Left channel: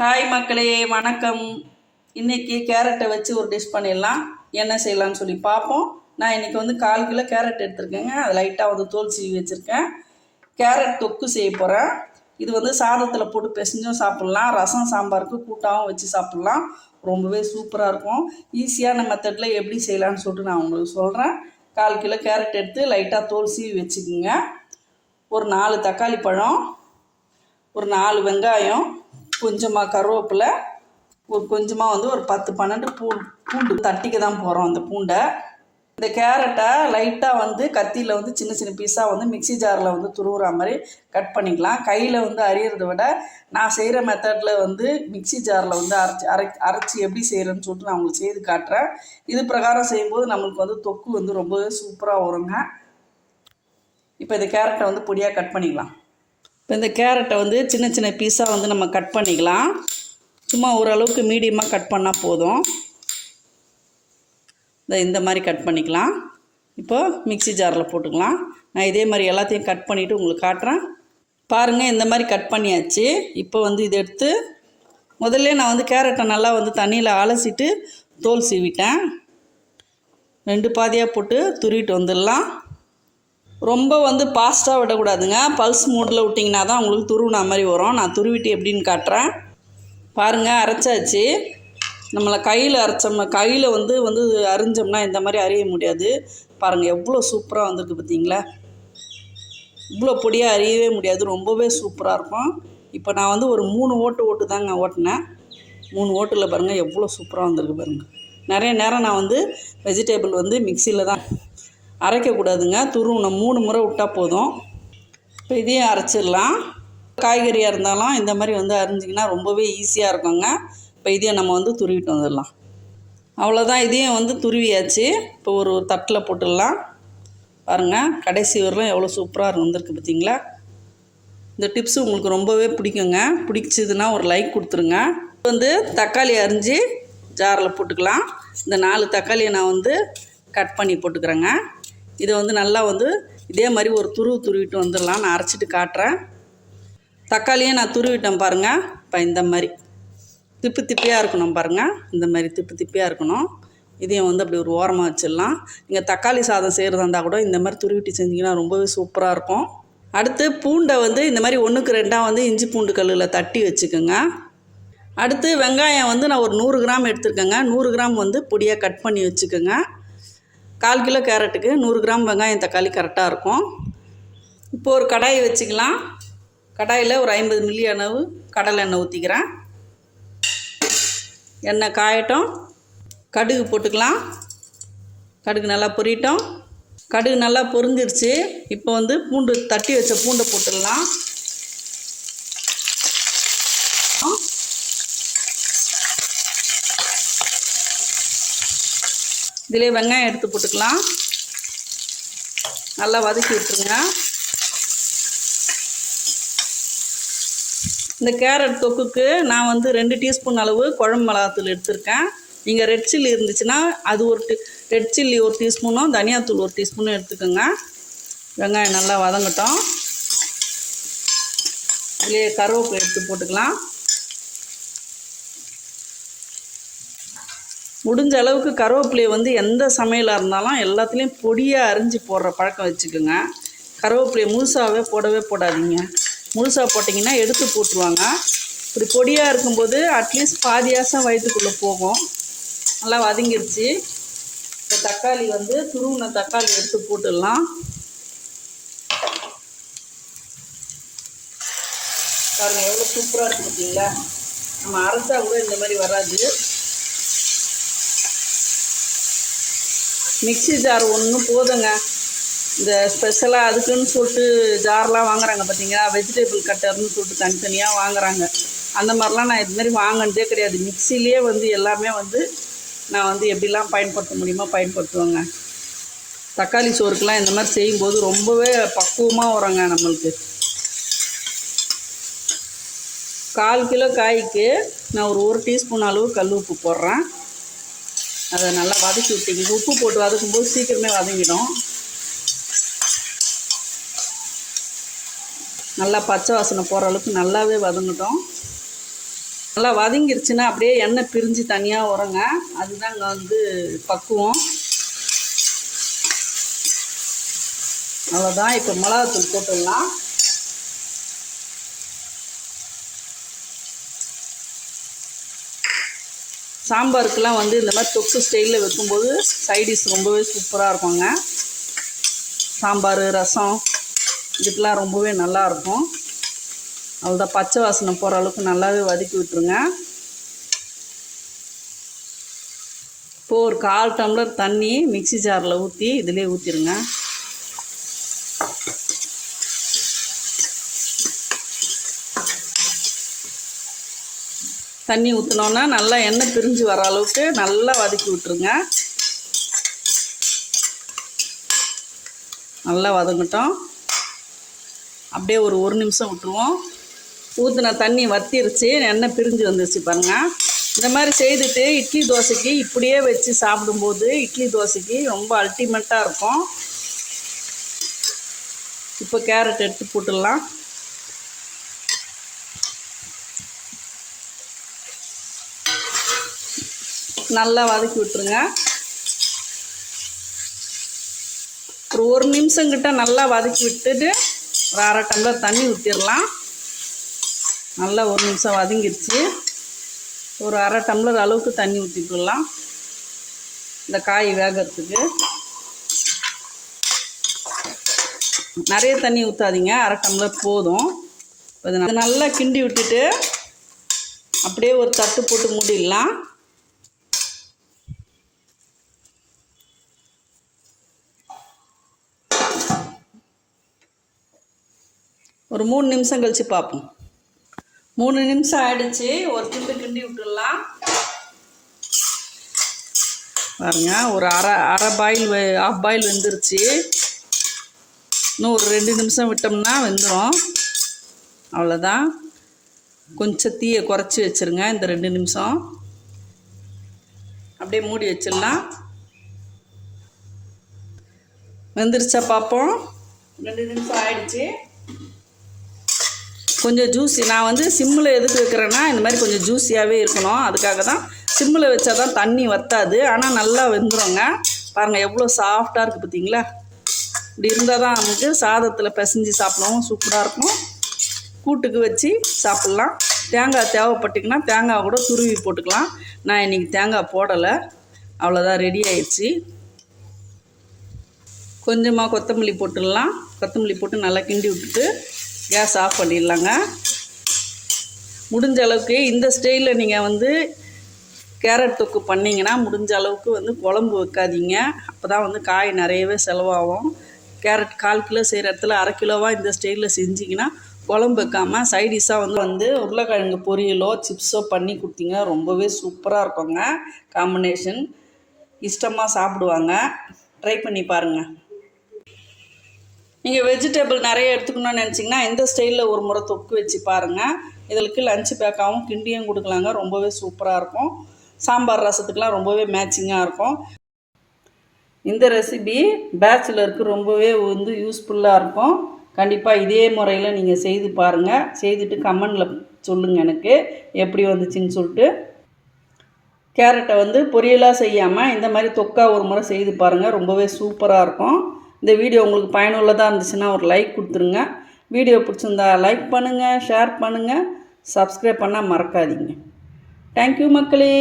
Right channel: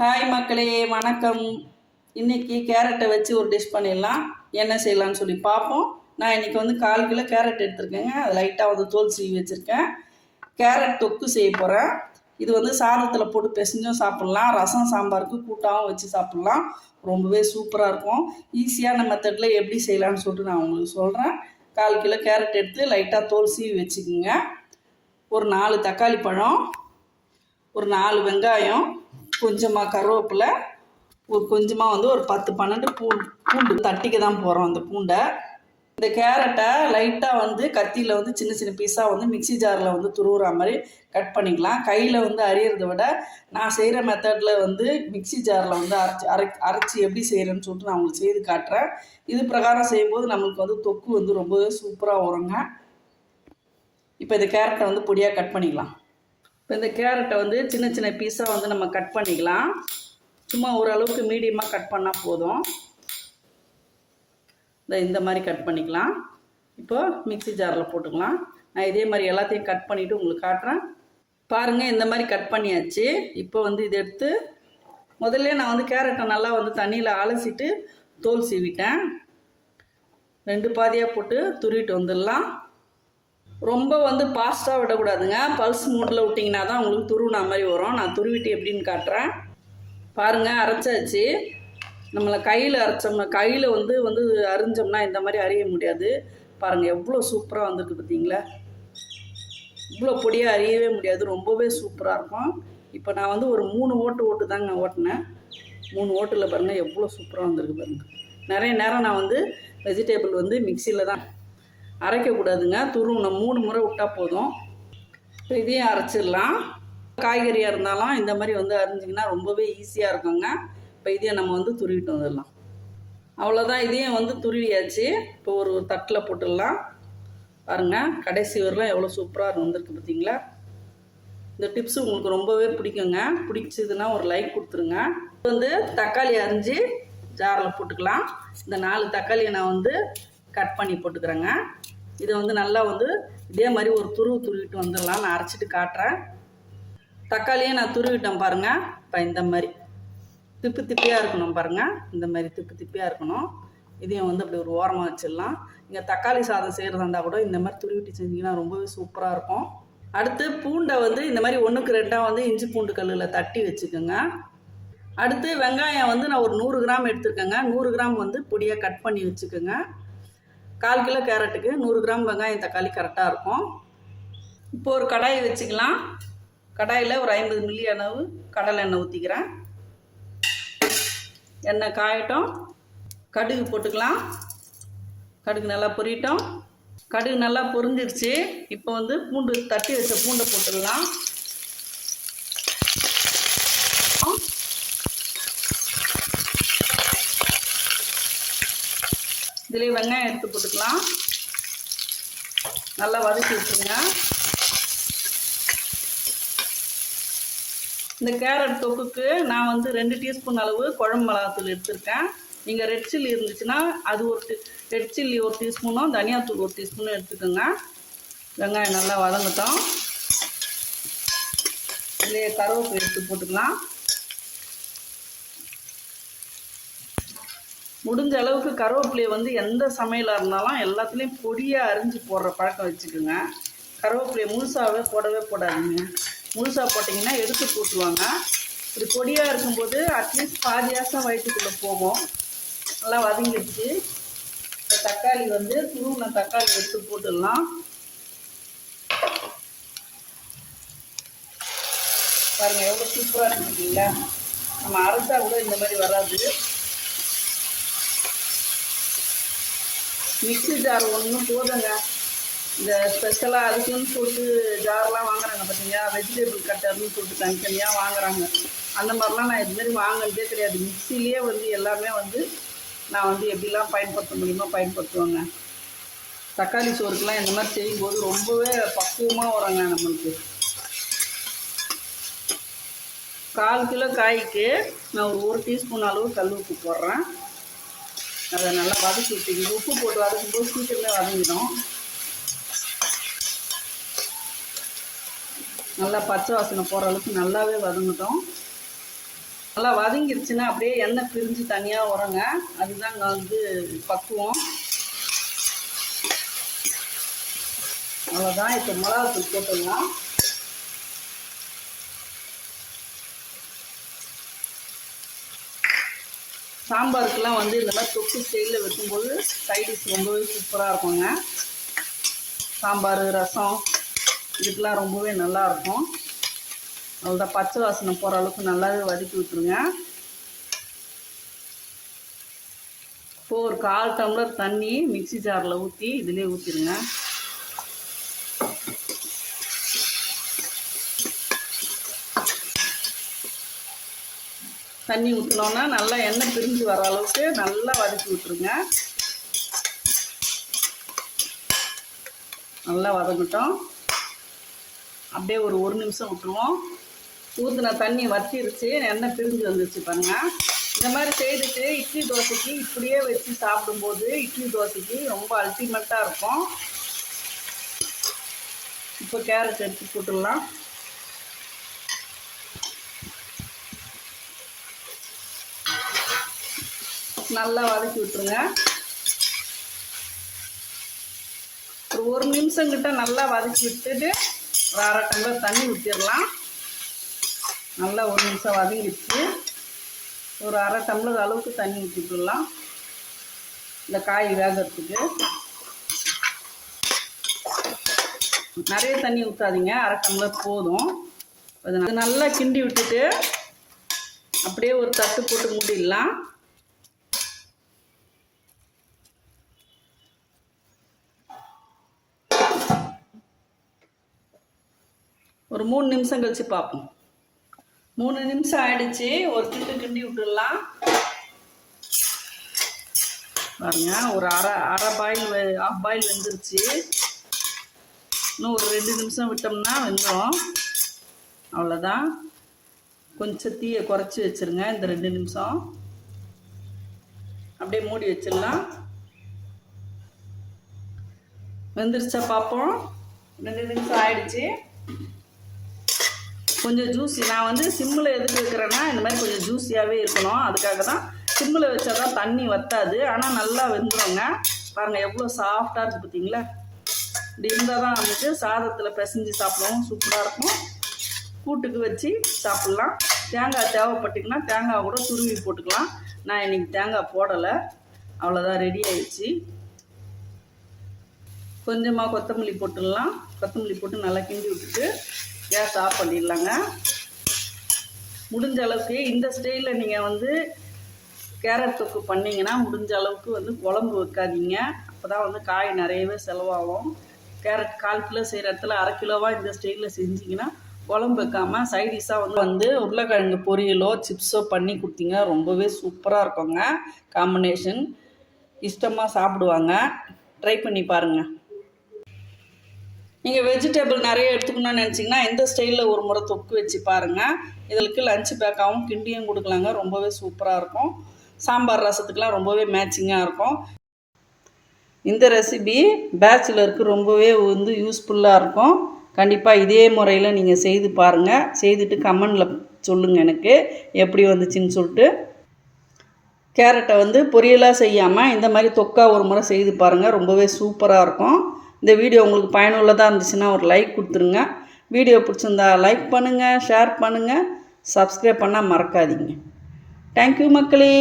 Hi மக்களே, வணக்கம். இன்றைக்கி கேரட்டை வச்சு ஒரு டிஷ் பண்ணிடலாம். என்ன செய்யலான்னு சொல்லி பார்ப்போம். நான் இன்றைக்கி வந்து 1/4 கிலோ கேரட் எடுத்துருக்கேங்க. அது லைட்டாக வந்து தோல் சீவி வச்சுருக்கேன். கேரட் தொக்கு செய்ய போகிறேன். இது வந்து சாதத்தில் போட்டு பிசைஞ்சும் சாப்பிட்லாம், ரசம் சாம்பாருக்கு கூட்டாகவும் வச்சு சாப்பிட்லாம். ரொம்பவே சூப்பராக இருக்கும். ஈஸியான மெத்தடில் எப்படி செய்யலான்னு சொல்லிட்டு நான் உங்களுக்கு சொல்கிறேன். 1/4 கிலோ கேரட் எடுத்து லைட்டாக தோல் சீவி வச்சுக்கோங்க. ஒரு 4 தக்காளி பழம், ஒரு 4 வெங்காயம், கொஞ்சமாக கருவேப்பிலை, கொஞ்சமாக வந்து ஒரு 10-12 பூண்டு தட்டிக்க தான் போகிறோம். அந்த பூண்டை, இந்த கேரட்டை லைட்டாக வந்து கத்தியில் வந்து சின்ன சின்ன பீஸாக வந்து மிக்சி ஜாரில் வந்து துருவுற மாதிரி கட் பண்ணிக்கலாம். கையில் வந்து அரியறதை விட நான் செய்கிற மெத்தடில் வந்து மிக்சி ஜாரில் வந்து அரைச்சி எப்படி செய்கிறேன்னு சொல்லிட்டு நான் உங்களுக்கு செய்து காட்டுறேன். இது பிரகாரம் செய்யும்போது நம்மளுக்கு வந்து தொக்கு வந்து ரொம்பவே சூப்பராக வருங்க. இப்போ இந்த கேரட்டை வந்து பொடியாக கட் பண்ணிக்கலாம். இப்போ இந்த கேரட்டை வந்து சின்ன சின்ன பீஸாக வந்து நம்ம கட் பண்ணிக்கலாம். சும்மா ஓரளவுக்கு மீடியமாக கட் பண்ணால் போதும். இந்த மாதிரி கட் பண்ணிக்கலாம். இப்போது மிக்சி ஜாரில் போட்டுக்கலாம். நான் இதே மாதிரி எல்லாத்தையும் கட் பண்ணிவிட்டு உங்களுக்கு காட்டுறேன். பாருங்கள், இந்த மாதிரி கட் பண்ணியாச்சு. இப்போ வந்து இதை எடுத்து முதல்ல நான் வந்து கேரட்டை நல்லா வந்து தண்ணியில் அலசிட்டு தோல் சீவிட்டேன். 2 பாதியாக போட்டு துருவிட்டு வந்துடலாம். ரொம்ப வந்து ஃபாஸ்ட்டாக விடக்கூடாதுங்க. பல்ஸ் மூடில் விட்டிங்கன்னா தான் உங்களுக்கு துருவினா மாதிரி வரும். நான் துருவிட்டு எப்படின்னு காட்டுறேன். பாருங்கள், அரைச்சாச்சு. நம்மளை கையில் வந்து அரிஞ்சோம்னா இந்த மாதிரி அரிய முடியாது. பாருங்கள் எவ்வளோ சூப்பராக வந்திருக்கு பார்த்தீங்களா. இவ்வளோ பொடியாக அரியவே முடியாது, ரொம்பவே சூப்பராக இருக்கும். இப்போ நான் வந்து ஒரு 3 ஓட்டு தாங்க ஓட்டினேன். 3 ஓட்டில் பாருங்கள் எவ்வளோ சூப்பராக வந்திருக்கு பாருங்கள். நிறைய நேரம் நான் வந்து வெஜிடேபிள் வந்து மிக்சியில் தான் அரைக்கக்கூடாதுங்க. துருவனை 3 முறை விட்டால் போதும். இப்போ இதையும் அரைச்சிடலாம். காய்கறியாக இருந்தாலும் இந்த மாதிரி வந்து அரிஞ்சிங்கன்னா ரொம்பவே ஈஸியாக இருக்குங்க. இப்போ இதையும் நம்ம வந்து துருவிட்டு வந்துடலாம். அவ்வளோதான், இதையும் வந்து துருவியாச்சு. இப்போ ஒரு தட்டில் போட்டுடலாம். பாருங்கள், கடைசி வரலாம் எவ்வளோ சூப்பராக வந்திருக்கு பார்த்தீங்களா. இந்த டிப்ஸு உங்களுக்கு ரொம்பவே பிடிக்குங்க. பிடிச்சதுன்னா ஒரு லைக் கொடுத்துருங்க. வந்து தக்காளி அரிஞ்சு ஜாரில் போட்டுக்கலாம். இந்த 4 தக்காளியை நான் வந்து கட் பண்ணி போட்டுக்கிறேங்க. இதை வந்து நல்லா வந்து இதே மாதிரி ஒரு துருவிட்டு வந்துடலாம். நான் அரைச்சிட்டு காட்டுறேன். தக்காளியை நான் துருவிட்டேன் பாருங்கள். இப்போ இந்த மாதிரி திப்பியாக இருக்கணும் பாருங்கள். இந்த மாதிரி திப்பியாக இருக்கணும். இதையும் வந்து அப்படி ஒரு ஓரமாக வச்சிடலாம். நீங்கள் தக்காளி சாதம் செய்கிறதா இருந்தால் கூட இந்த மாதிரி துருவிட்டு செஞ்சிங்கன்னா ரொம்பவே சூப்பராக இருக்கும். அடுத்து பூண்டை வந்து இந்த மாதிரி 1க்கு 2 வந்து இஞ்சி பூண்டு கல்லில் தட்டி வச்சுக்கோங்க. அடுத்து வெங்காயம் வந்து நான் ஒரு 100 கிராம் எடுத்துருக்கேங்க. 100 கிராம் வந்து பொடியாக கட் பண்ணி வச்சுக்கோங்க. 1/4 கிலோ கேரட்டுக்கு 100 கிராம் வெங்காயம் தக்காளி கரெக்டாக இருக்கும். இப்போ ஒரு கடாயை வச்சுக்கலாம். கடாயில் ஒரு 50 மில்லி அளவு கடலை எண்ணெய் ஊற்றிக்கிறேன். எண்ணெய் காயட்டும். கடுகு போட்டுக்கலாம். கடுகு நல்லா பொரியட்டும். கடுகு நல்லா பொரிஞ்சிருச்சு. இப்போ வந்து பூண்டு தட்டி வச்ச பூண்டை போட்டுடலாம். இதிலே வெங்காயம் எடுத்து போட்டுக்கலாம். நல்லா வதக்கி விட்டுருங்க. இந்த கேரட் தொக்குக்கு நான் வந்து 2 டீஸ்பூன் அளவு குழம்பு மிளகாத்தூள் எடுத்திருக்கேன். நீங்கள் ரெட் சில்லி இருந்துச்சுன்னா அது ரெட் சில்லி 1 டீஸ்பூனும் தனியாத்தூள் 1 டீஸ்பூனும் எடுத்துக்கோங்க. வெங்காயம் நல்லா வதங்கட்டும். இதிலே கருவேப்பிலை எடுத்து போட்டுக்கலாம். முடிஞ்ச அளவுக்கு கருவேப்பிலையை வந்து எந்த சமையலாக இருந்தாலும் எல்லாத்துலேயும் பொடியாக அரிஞ்சு போடுற பழக்கம் வச்சுக்கோங்க. கருவேப்பிலையை முழுசாகவே போடாதீங்க. முழுசாக போட்டிங்கன்னா எடுத்து போட்டுருவாங்க. இப்படி பொடியாக இருக்கும்போது அட்லீஸ்ட் பாதியாசம் வயிற்றுக்குள்ளே போகும். நல்லா வதங்கிடுச்சு. இப்போ தக்காளி வந்து துருவின தக்காளி எடுத்து போட்டுடலாம். பாருங்கள் எவ்வளோ சூப்பராக இருக்கு பார்த்தீங்களா. நம்ம அரைச்சா கூட இந்த மாதிரி வராது. மிக்சி ஜார் ஒன்று போதுங்க. இந்த ஸ்பெஷலாக அதுக்குன்னு சொல்லிட்டு ஜார்லாம் வாங்குறாங்க பார்த்தீங்களா, வெஜிடபிள் கட்டர்னு சொல்லிட்டு தனித்தனியாக வாங்குறாங்க. அந்த மாதிரிலாம் நான் இதுமாரி வாங்கினதே கிடையாது. மிக்சிலேயே வந்து எல்லாமே வந்து நான் வந்து எப்படிலாம் பயன்படுத்த முடியுமோ பயன்படுத்துவேங்க. தக்காளி சோறுக்கெலாம் இந்த மாதிரி செய்யும்போது ரொம்பவே பக்குவமாக வருங்க நம்மளுக்கு. 1/4 கிலோ காய்க்கு நான் ஒரு 1 டீஸ்பூன் அளவு கல் உப்பு போடுறேன். அதை நல்லா வதக்கி விட்டிங்க. உப்பு போட்டு வதக்கும்போது சீக்கிரமே வதங்கிடும். நல்லா பச்சை வாசனை போகிற அளவுக்கு நல்லாவே வதங்கட்டும். நல்லா வதங்கிருச்சுன்னா அப்படியே எண்ணெய் பிரிஞ்சு தனியாக வருங்க. அதுதான் இங்கே வந்து பக்குவம். அவ்வளோதான். இப்போ மிளகாத்தூள் போட்டுடலாம். சாம்பாருக்கெல்லாம் வந்து இந்த மாதிரி தொக்கு ஸ்டைலில் வைக்கும்போது சைடிஷ் ரொம்பவே சூப்பராக இருக்குங்க. சாம்பார், ரசம் இதுக்கெலாம் ரொம்பவே நல்லாயிருக்கும். அவ்வளோதான். பச்சை வாசனை போகிற அளவுக்கு நல்லாவே வதக்கி விட்டுருங்க. இப்போது ஒரு 1/4 டம்ளர் தண்ணி மிக்ஸி ஜாரில் ஊற்றி இதிலே ஊற்றிடுங்க. தண்ணி ஊற்றினோன்னா நல்லா எண்ணெய் பிரிஞ்சு வர அளவுக்கு நல்லா வதக்கி விட்டுருங்க. நல்லா வதங்கட்டும். அப்படியே ஒரு நிமிஷம் விட்டுருவோம். ஊற்றின தண்ணி வத்திருச்சு, எண்ணெய் பிரிஞ்சு வந்துருச்சு பாருங்கள். இந்த மாதிரி செய்துட்டு இட்லி தோசைக்கு இப்படியே வச்சு சாப்பிடும்போது இட்லி தோசைக்கு ரொம்ப அல்டிமேட்டாக இருக்கும். இப்போ கேரட் எடுத்து போட்டுடலாம். நல்லா வதக்கி விட்டுருங்க. ஒரு நிமிஷம் கிட்ட நல்லா வதக்கி விட்டுட்டு ஒரு 1/2 டம்ளர் தண்ணி ஊற்றிடலாம். நல்லா 1 நிமிஷம் வதங்கிடுச்சு. ஒரு 1/2 டம்ளர் அளவுக்கு தண்ணி ஊற்றிக்கலாம் இந்த காய் வேகிறதுக்கு. நிறைய தண்ணி ஊற்றாதீங்க, 1/2 டம்ளர் போதும். இது நல்லா கிண்டி விட்டுட்டு அப்படியே ஒரு தட்டு போட்டு மூடிடலாம். ஒரு 3 நிமிஷம் கழித்து பார்ப்போம். 3 நிமிஷம் ஆகிடுச்சு. ஒரு கிண்டி விட்டுடலாம். பாருங்க, ஒரு அரை பாயில் ஆஃப் பாயில் வெந்துருச்சு. இன்னும் ஒரு 2 நிமிஷம் விட்டோம்னா வெந்துடும். அவ்வளோதான். கொஞ்சம் தீயை குறைச்சி வச்சுருங்க. இந்த 2 நிமிஷம் அப்படியே மூடி வச்சிடலாம். வெந்துருச்சா பார்ப்போம். 2 நிமிஷம் ஆகிடுச்சு. கொஞ்சம் ஜூஸி. நான் வந்து சிம்மில் எதுக்கு வைக்கிறேன்னா இந்த மாதிரி கொஞ்சம் ஜூஸியாகவே இருக்கணும். அதுக்காக தான் சிம்மில் வச்சா தான் தண்ணி வற்றாது. ஆனால் நல்லா வெந்துடுங்க. பாருங்கள் எவ்வளோ சாஃப்டாக இருக்குது பார்த்தீங்களா. இப்படி இருந்தால் தான் நமக்கு சாதத்தில் பிசைஞ்சு சாப்பிடவும் சூப்பராக இருக்கும். கூட்டுக்கு வச்சு சாப்பிட்லாம். தேங்காய் தேவைப்பட்டிங்கன்னா தேங்காய் கூட துருவி போட்டுக்கலாம். நான் இன்றைக்கி தேங்காய் போடலை. அவ்வளோதான், ரெடி ஆயிடுச்சு. கொஞ்சமாக கொத்தமல்லி போட்டுடலாம். கொத்தமல்லி போட்டு நல்லா கிண்டி விட்டுட்டு கேஸ் ஆஃப் பண்ணிடலாங்க. முடிஞ்ச அளவுக்கு இந்த ஸ்டைலில் நீங்கள் வந்து கேரட் தொக்கு பண்ணிங்கன்னா முடிஞ்ச அளவுக்கு வந்து குழம்பு வைக்காதீங்க. அப்போ தான் வந்து காய் நிறையவே செலவாகும். கேரட் 1/4 கிலோ செய்கிற இடத்துல 1/2 கிலோவாக இந்த ஸ்டைலில் செஞ்சிங்கன்னா குழம்பு வைக்காமல் சைடிஷாக வந்து உருளைக்கிழங்கு பொரியலோ சிப்ஸோ பண்ணி கொடுத்தீங்க ரொம்பவே சூப்பராக இருக்குங்க. காம்பினேஷன் இஷ்டமாக சாப்பிடுவாங்க. ட்ரை பண்ணி பாருங்கள். நீங்கள் வெஜிடபிள் நிறைய எடுத்துக்கணும்னு நினச்சிங்கன்னா இந்த ஸ்டைலில் ஒரு முறை தொக்கு வச்சு பாருங்கள். இதற்கு லஞ்ச் பேக்காகவும் கிண்டியும் கொடுக்கலாங்க. ரொம்பவே சூப்பராக இருக்கும். சாம்பார் ரசத்துக்கெலாம் ரொம்பவே மேட்சிங்காக இருக்கும். இந்த ரெசிபி பேச்சுலருக்கு ரொம்பவே வந்து யூஸ்ஃபுல்லாக இருக்கும். கண்டிப்பாக இதே முறையில் நீங்கள் செய்து பாருங்கள். செய்துட்டு கமெண்டில் சொல்லுங்கள் எனக்கு எப்படி வந்துச்சுன்னு சொல்லிட்டு. கேரட்டை வந்து பொரியலாக செய்யாமல் இந்த மாதிரி தொக்கா ஒரு முறை செய்து பாருங்கள். ரொம்பவே சூப்பராக இருக்கும். இந்த வீடியோ உங்களுக்கு பயனுள்ளதாக இருந்துச்சுன்னா ஒரு லைக் கொடுத்துருங்க. வீடியோ பிடிச்சிருந்தா லைக் பண்ணுங்கள், ஷேர் பண்ணுங்கள், சப்ஸ்கிரைப் பண்ணால் மறக்காதீங்க. தேங்க்யூ மக்களே.